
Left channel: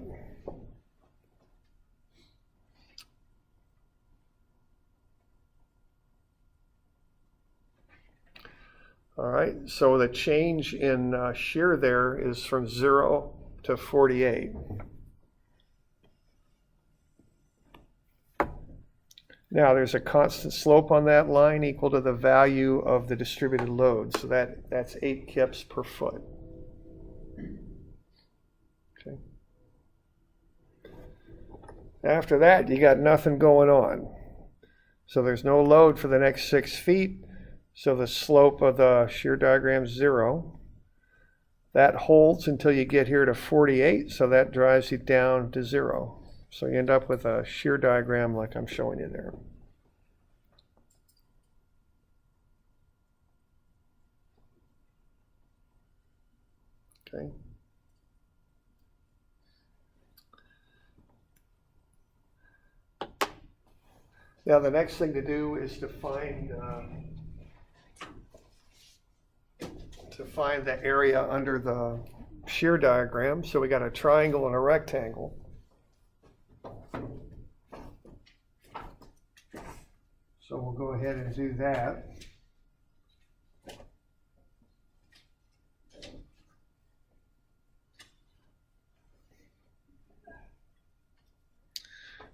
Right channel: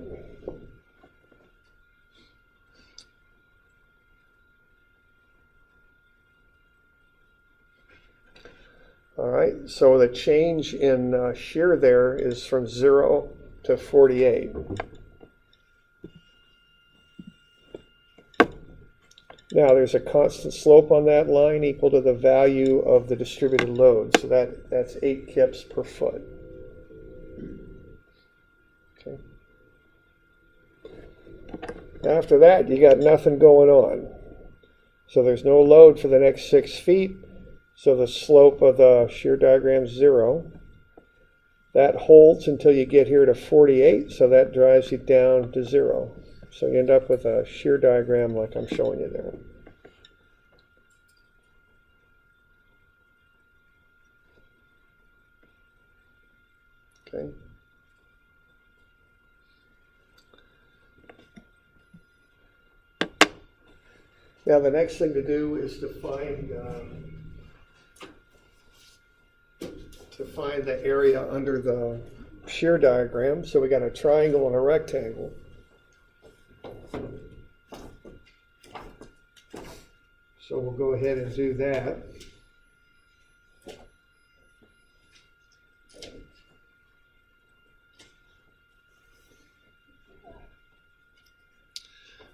All right, so the change in shear there is from 0 to 48. Now there's a constant slope on that line equal to the value of the distributed load. So that's 8 kips per foot. Okay. After that, you got nothing going on. So there's no load for the next 6 feet. So the slope of the shear diagram is 0. That holds until you get here to 48, so that drives you down to 0. So you end up with a shear diagram like I'm showing you there. Okay. Now the next thing to do is to find the area under the shear diagram. So we got a triangle and a rectangle. So we'll go ahead and do that.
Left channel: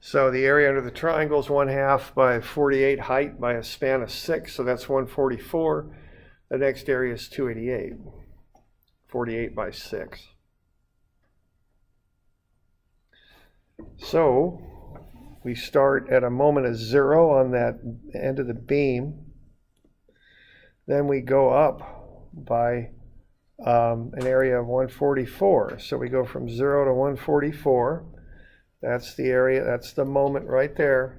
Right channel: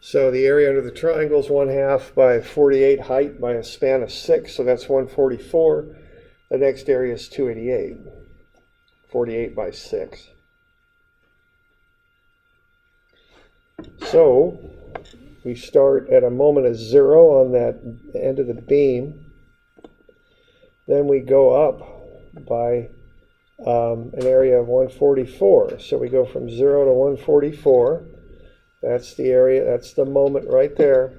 So the area under the triangle is 1/2 by 48 height by a span of 6, so that's 144. The next area is 288, 48 by 6. So we start at a moment of 0 on that end of the beam. Then we go up by an area of 144. So we go from 0 to 144. That's the area, that's the moment right there.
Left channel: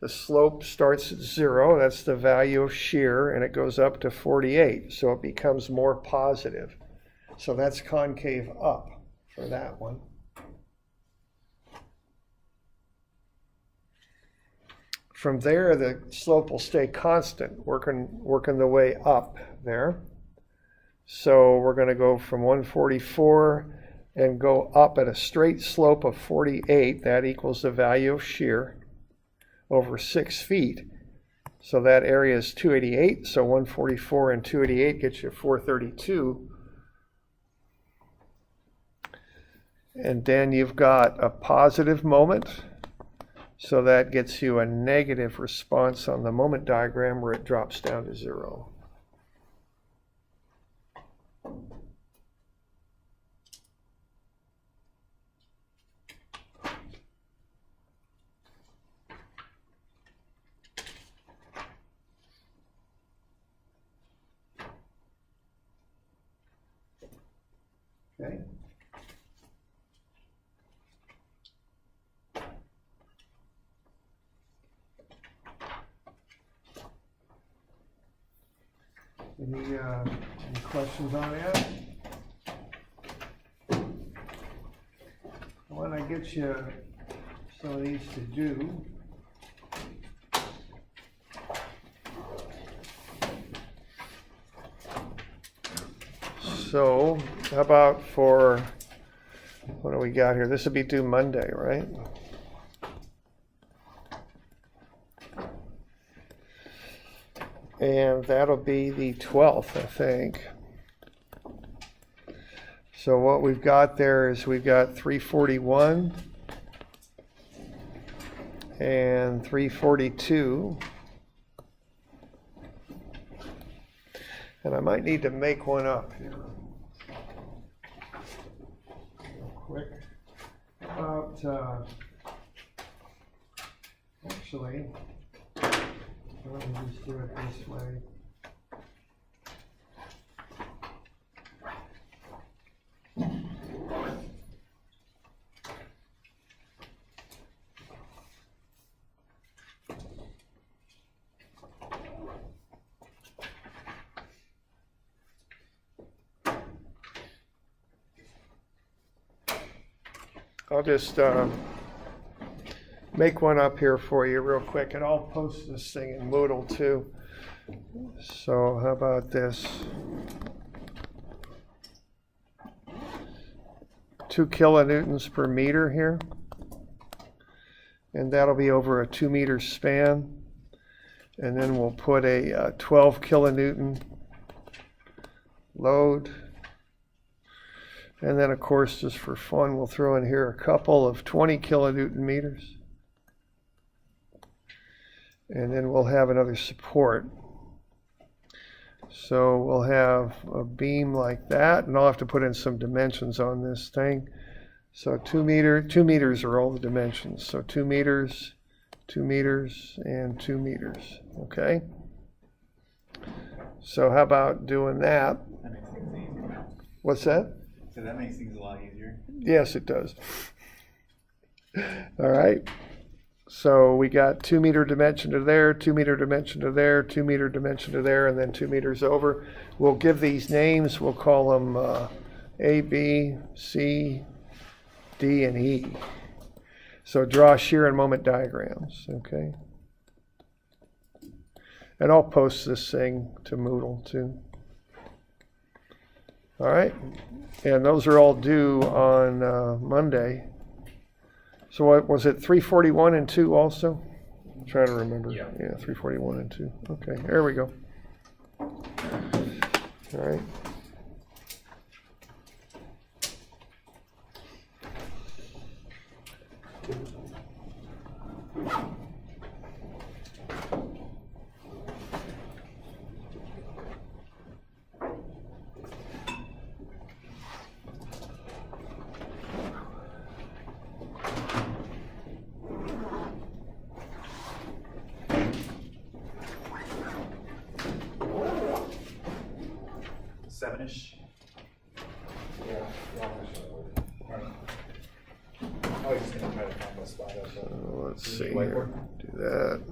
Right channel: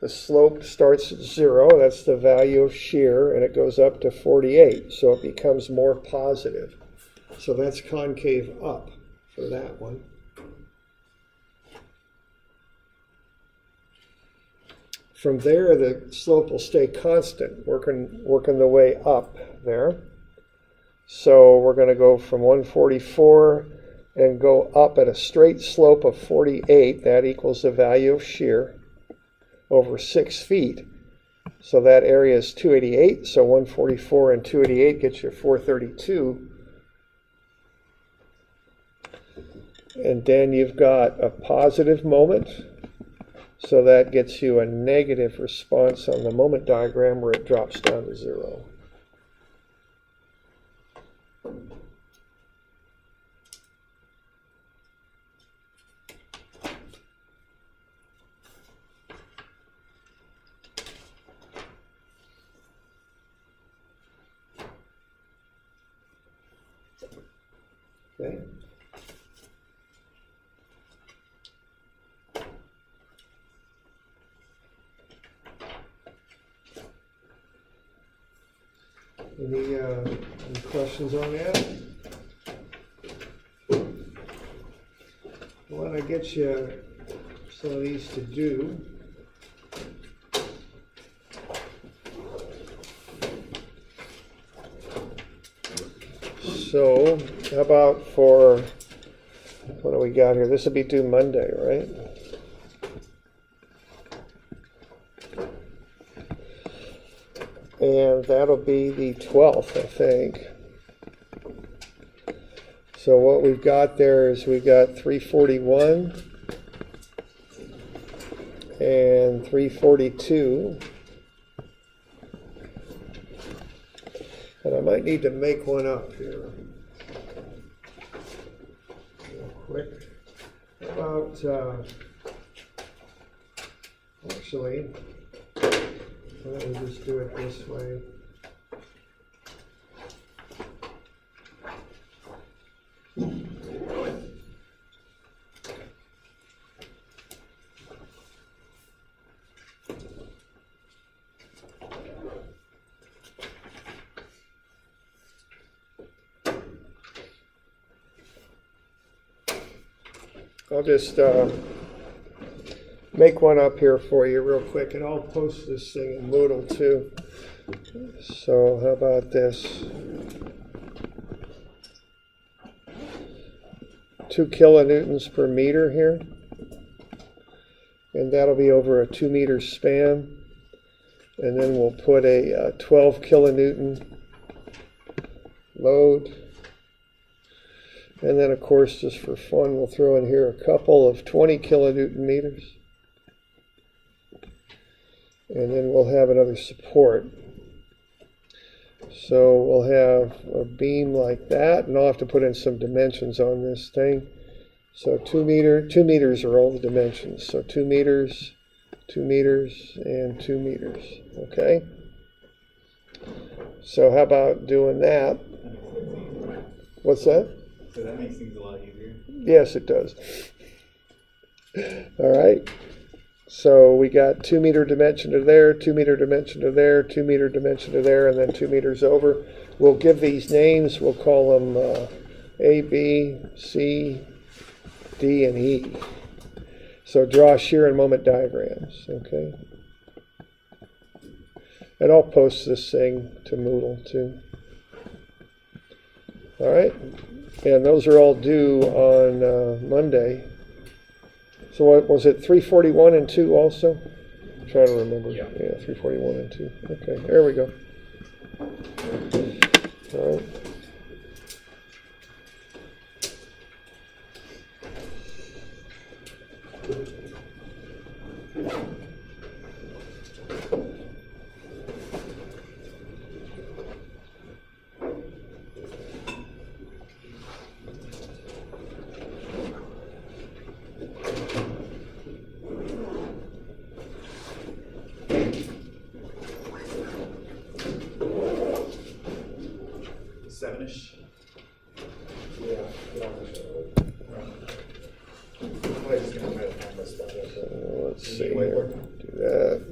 The slope starts at 0, that's the value of shear, and it goes up to 48, so it becomes more positive. So that's concave up for that one. From there, the slope will stay constant, working the way up there. So we're going to go from 144 and go up at a straight slope of 48. That equals the value of shear over 6 feet. So that area is 288. So 144 and 288 gets you 432. And then you've got a positive moment. So that gets you a negative response on the moment diagram where it drops down to 0. Okay. Any questions on that? Why don't I get you some of these to do? So, how about for, what do we got here? This will be due Monday, right? And that'll be the 12th, I think. So what we've got there is we've got 341 and 342. And I might need to make one up here. Real quick. About, actually, let me just do it this way. I'll just make one up here for you real quick, and I'll post this thing in Moodle too. So how about this? 2 kilonewtons per meter here. And that'll be over a 2 meter span. And then we'll put a 12 kilonewton load. And then, of course, just for fun, we'll throw in here a couple of 20 kilonewton meters. And then we'll have another support. So we'll have a beam like that, and I'll have to put in some dimensions on this thing. So 2 meters are all the dimensions. So 2 meters, 2 meters, and 2 meters. Okay? So how about doing that? That makes things easier. What's that? So that makes things a lot easier. Yes, it does. All right. So we got 2 meter dimension to there, 2 meter dimension to there, 2 meter dimension to there, and then 2 meters over. We'll give these names. We'll call them A, B, C, D, and E. So draw shear and moment diagrams, okay? And I'll post this thing to Moodle too. All right, and those are all due on Monday. So what was it, 341 and 2 also? I'm trying to remember. Yeah. Yeah, 341 and 2. Okay, there we go. All right. Seven-ish. Yeah, I was just gonna try to find a spot up there. Let's see here. Do that.